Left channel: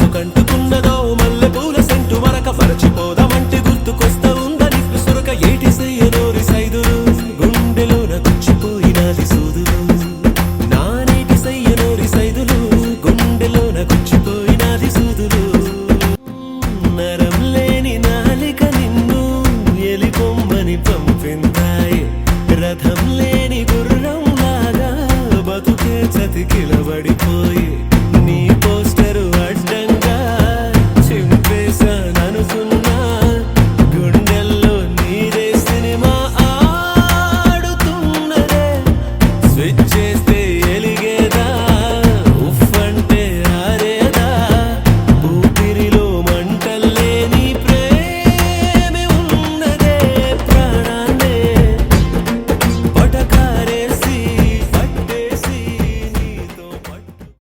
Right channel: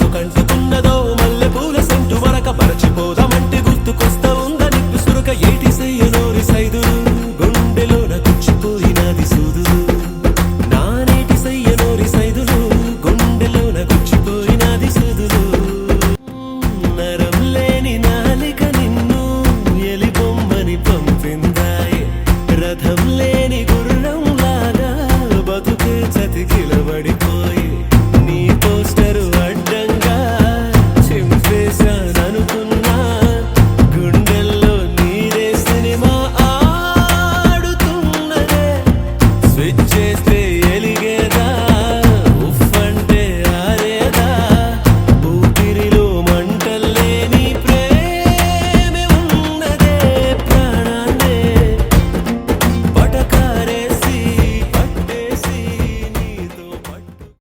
మనసు కంటుకున్నదో మల్లె పూల సెంటు మరక మరచిపోదామంటే గుర్తుకొస్తా ఉందని సురక ఏటి సెయ్యనోరి సైదులు గుండెలోన గుచ్చిపోయినది సూదులు నానేటి సెయ్యనోరి సైదులు గుండెలోన గుచ్చిపోయినది సూదులు నరం లేని నాలిక నిన్ను ఎలిపొమ్మని పంపిందాయే రథం లేని గుర్రం లాగా బతుకే చతికిలబడిపోయి నీ పోస్టరు అడ్డంగా చింపేశాననుకున్నా